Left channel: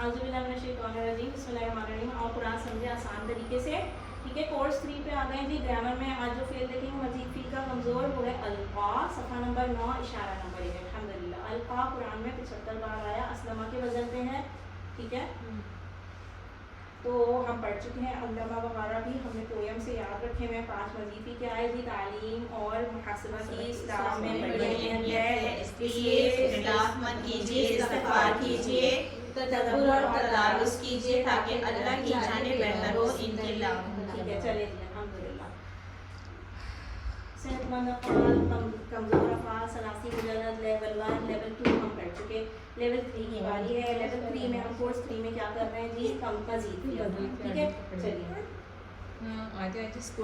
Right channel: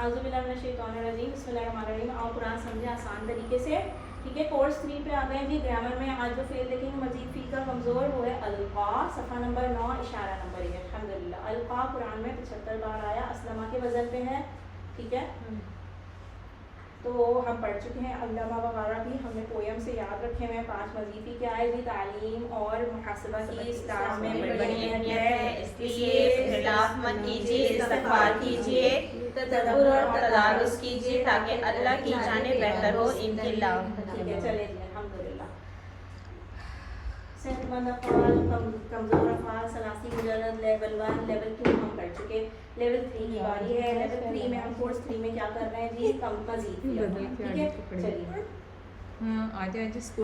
औज़ुबिल्लाहिमिनश्शैतानिर्रजीम, बिस्मिल्लाहिर्रहमानिर्रहीम। और कुरान समझे आसान तरीके से, ठीक है। कोर्स 3 पे आ गए जी। ग्रामर में आज जो फेल देखेंगे मजीद फी का कमज़ोर वो है अलका, सफ़ा नंबर 9 इशारा नंबर 1। अल्हम्दुलिल्लाह अलका कुरान में 75 बार आया, असलमा के वज़न पे है, ठीक है। तो हम पढ़ चुके हैं, अल्लामा वगैरह भी हमने पोयम से याद रखे हुए हैं। 5 वजीफ़ी क्या है जी, तालीम और मुहासबा की इस्लाम में बड़ी अहमियत है, इसलिए इख्तिलाफ मत कीजिए, इस्तिग़फ़ार कीजिए, तदब्बुर और तदारुस कीजिए ताकि अल्लाह की जानिब बेहतर हो इनक़िलाब। ठीक है, चलिए जी अल्हम्दुलिल्लाह। सेहतमंद अफ़आल, कमज़ोर अफ़आल, सलासी मुजर्रद, लेवल 1 लेवल 2 हम कर चुके। लेवल 3 की बारी है। लेवल 3 में हम कोर्स 3 में क्या कर रहे हैं जी, मज़ीद फ़ी अफ़आल, ठीक है। चलिए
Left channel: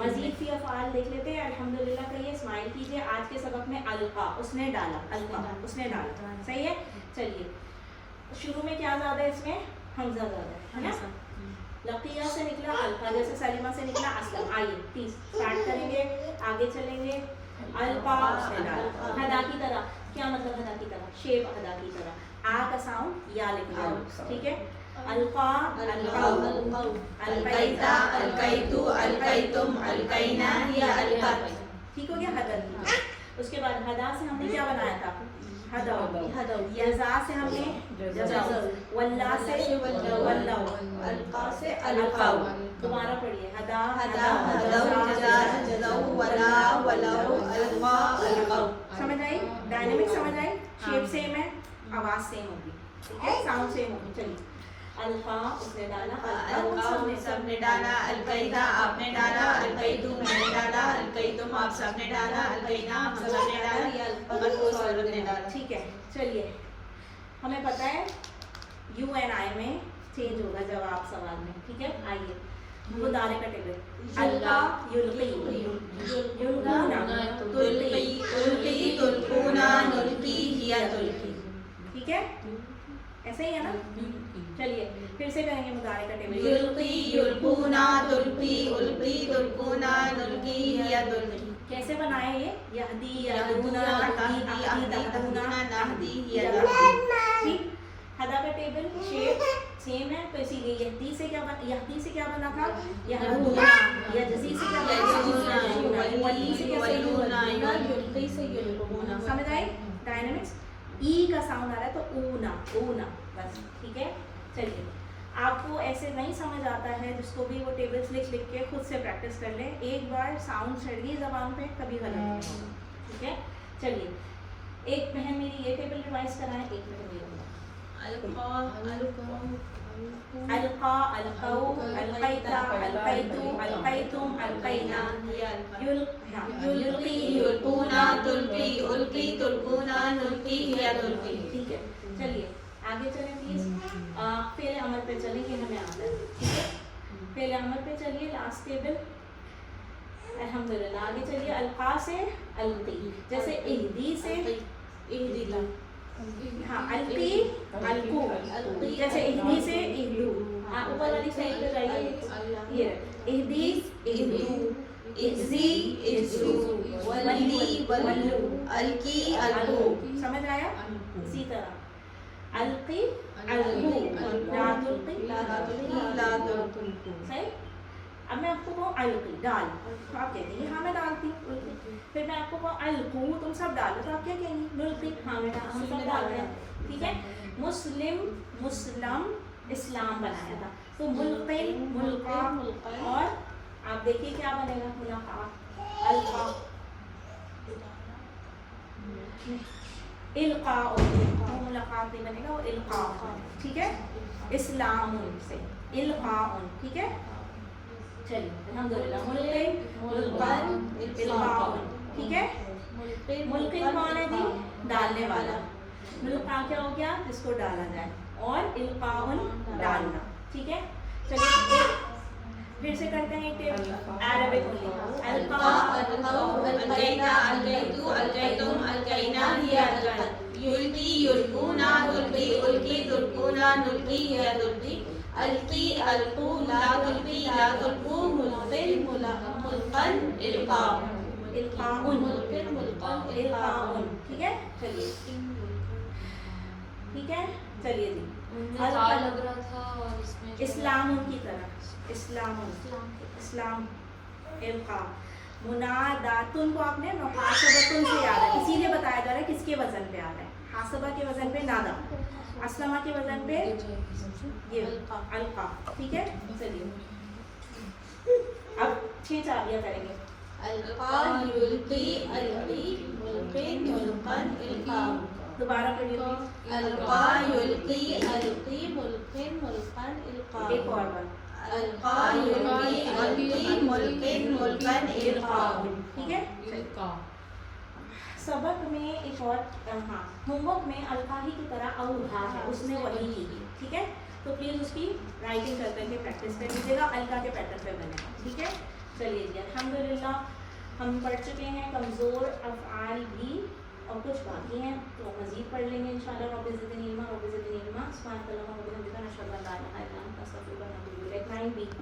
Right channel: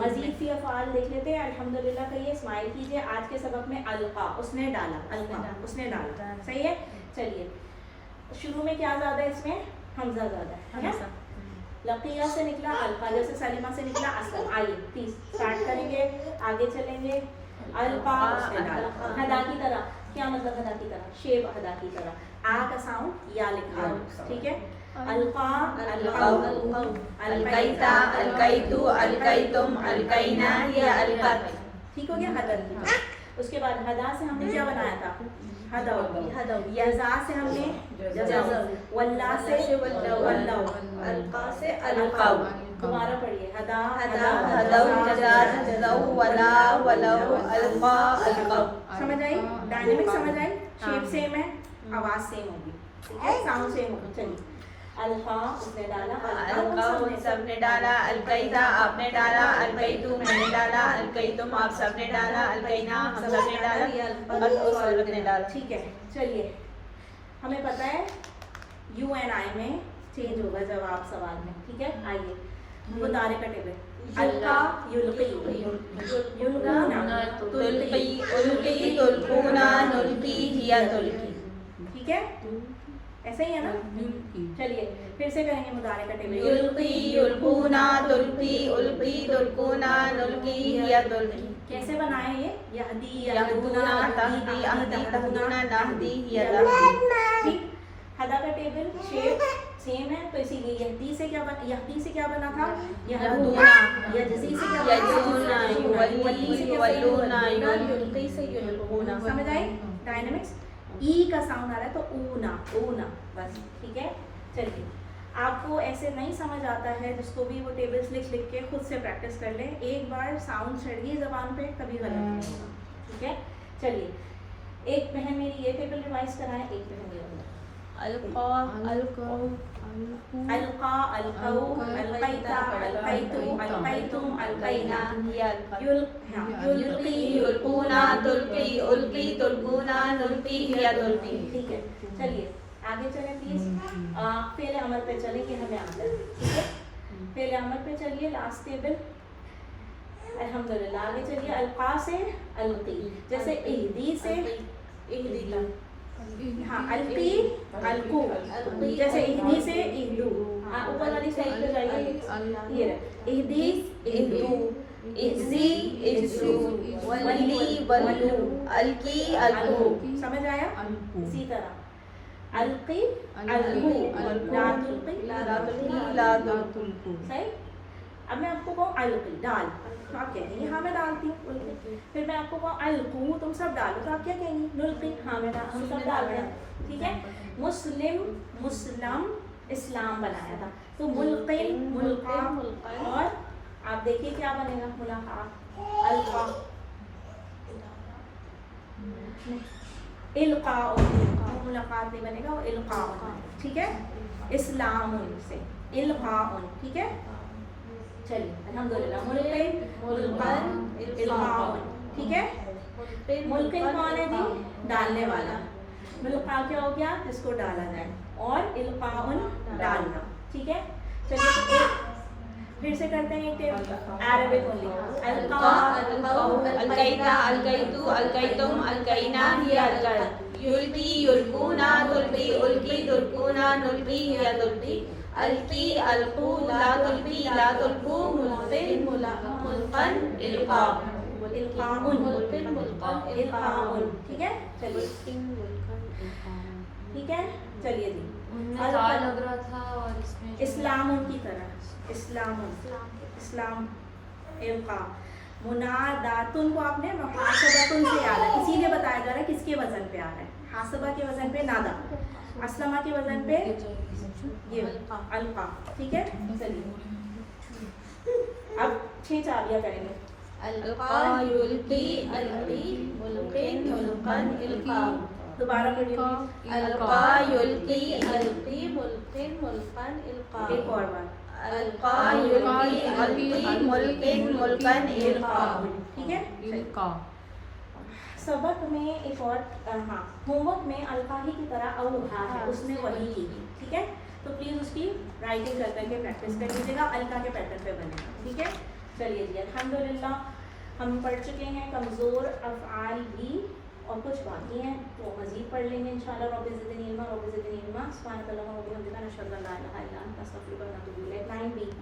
मज़ीद फ़ी अफ़आल देख लेते हैं। अल्हम्दुलिल्लाह कहिए, स्माइल कीजिए। आज के सबक में अलका उसने डाला, अलका उसने डाला, सही है। चलिए शुरू में क्या ज़्यादा है, इसमें हमज़ा ज़्यादा है ना। लकिया से निकला अलका, जैसे सलीमा से निकला असलम। आइए 30 स्टार्ट करेंगे, आगे चलेंगे। अलका उसने डाला, हदा की तरह। क्या मतलब हदा की तरह, शेप हदा की तरह। आ का साउंड या लिखा, ठीक है। अलका, अलकाउ, अलकैता, अलकैतु, अलकैतुम, अलकैना, हिया अलकत, ठीक हो गया हदा की। उसके बाद हदा से हमने क्या बनाया था, हदा। यज़ा से हमने जज़ा, वल्ला से वल्लाउ, अलका से अलकाउ। दोबारा पढ़िए, हदा हदा हदा जज़ाउ वला वलाउ अलका अलकाउ। समझ आई, डायनेमिक समझ आई, शेप सेम है, आवाज सेम होगी, ठीक है, साउंड सेम होगी। चलिए अलका उसने डाला, अलका सबने डाला, अलकैदा आपने डाला, अलकैतु मैंने डाला, अलकैतुम आप सबने डाला, अलकैना हम सबने डाला, और उस औरत ने डाला, ठीक है। चलिए हमें पता है यू एंड आई में चेंज होगा जवाब सवाल में, ठीक है। आइए मुदारे का टेबल, अलका युल्की, युल्कूना तुल्की, उल्की तुल्कूना, नुल्की हिया तुल्की, ठीक है, ऐसे ही है ना। चलिए फिर से करेंगे मुदारे का टेबल, युल्की युल्कूना तुल्की, उल्की तुल्कूना, नुल्की हिया तुल्की। कैसे बनाए ये, यहदी यहदूना, तहदी अहदीना, नहदी हिया नहदी, ठीक। हदा का टेबल शेप सेम है, तो इसीलिए यहदी से क्या बना, यहदी से क्या बना था, यहदूना। यजज़ी से क्या बना, वल्ली से क्या, युल्की से युल्कूना। समझ आई डायनेमिक्स। ई का साउंड आ रहा है तो ऊना, ऊना बस, ठीक है। चलिए आपको ऐसे नहीं समझ आता है, जिसको भी वो टेबल्स लिख लिख के खुद से प्रैक्टिस कर लें। एक बार साउंड चढ़ गई जबान पे कभी गलत नहीं होगा, ठीक है। चलिए एक बहन मेरी ये टेबल रिवाइज कराएं, एक बहन मेरी अलका अलकाउ, अलका अलकाउ, अलकैता अलकैतु, अलकैतुम अलकैना, युल्की युल्कूना तुल्की, उल्की तुल्कूना, नुल्की हिया तुल्की, ठीक है। चलिए आगे चलें प्लीज। फेल अमल पे चलें कि हमें आता है, ठीक है। फेल अमल पे चलिए, लास्ट टेबल अल्हम्दुलिल्लाह। आगे चलिए, अलका से अलकी, जैसे इहदी से इहदीता, हाँ अलकी अलकू, जैसे इहदी से इहदू। ऊपर वाली साइड पे जाइए, ये इहदी इहदू, इज्जी इज्जू, वल्ली वल्लू, अलकी अलकू। समझ आया। इसी तरह अलकी अलकू, ला तुल्की ला तुल्की ला तुल्कू, सही। अब मैं आपको कहूँ अलकी डाल, तो आप कहेंगे हाँ मैं डालती हूँ। फिर मैं आपको कहूँ अलकू तुम सब डालो, तो आप क्या कहेंगी, नुल्की हाँ मैं हम सब डालते हैं, ठीक है। मुस्लिम मुस्लम इस्लाम बनाया था, तो मुल्किन मुल्का, और आप देखिए क्या बनेगा, मुलाकात अलका, इल्का, मुलाकात नहीं बनेगा, वो इल्का बनेगा, ठीक है। इस्लाम से इल्का, ठीक है। चलिए अल्हम्दुलिल्लाह, मुल्किन मुल्कन इल्काउन, ठीक है। मुल्किन कौन है जी, डालने वाला। मुल्का क्या हो गया, जिसको डाला जाए, और इल्काउन डालना, ठीक है। चलिए तो एक फिर से करते हैं एक टेबल अरबिक ओनली। अलका अलकाउ, अलकैता अलकैतु, अलकैतुम अलकैना हिया अलकत, युल्की युल्कूना तुल्की, उल्की तुल्कूना, नुल्की हिया तुल्की, अलकी अलकू, ला तुल्की ला तुल्कू, मुल्किन मुल्कन इल्काउन, इल्काउन इल्काउन, ठीक है। चलिए ठीक है, चलिए जी। لگ رہا تھا اور اس میں اسلام کی طرح اسلام القا مناداتن کو آپ نے محاسبتن سے یاد ہے، اسی لیے بتایا جا رہا ہے کس کے وزن پہ آ رہا ہے، حاسبہ کے وزن پہ نادا، اسلمہ کے وزن پہ یہ القا. ٹھیک ہے چلیے اب 6 چالیاں کریں گے. القا یلقی القی ملقن ملقن القا. دوبارہ پڑھیے. القا یلقی القی ملقن ملقن القا. ایک اور بار. القا یلقی القی ملقن ملقن القا. ٹھیک ہے. سبق میں ایک اور ہاں ہوم ورک میں القا ہی کی طرح اوہا ہے، اس نے وہی کی. ٹھیک ہے تو پلیز اس کی رائٹنگ کر کے پریکٹس کر لیجیے گا، القا کے پیٹرن پہ بنے گا. ٹھیک ہے چلیے جی الحمدللہ ہم پڑھ چکے ہیں کمزور افعال بھی اور کچھ باقی ہیں تو مزید پڑھ لیں گے انشاءاللہ. رب زدنی علما رب زدنی علما. سبحانک اللہم و بحمدک نشہد ان لا الہ الا انت نستغفرک و نتوب الیک. 9B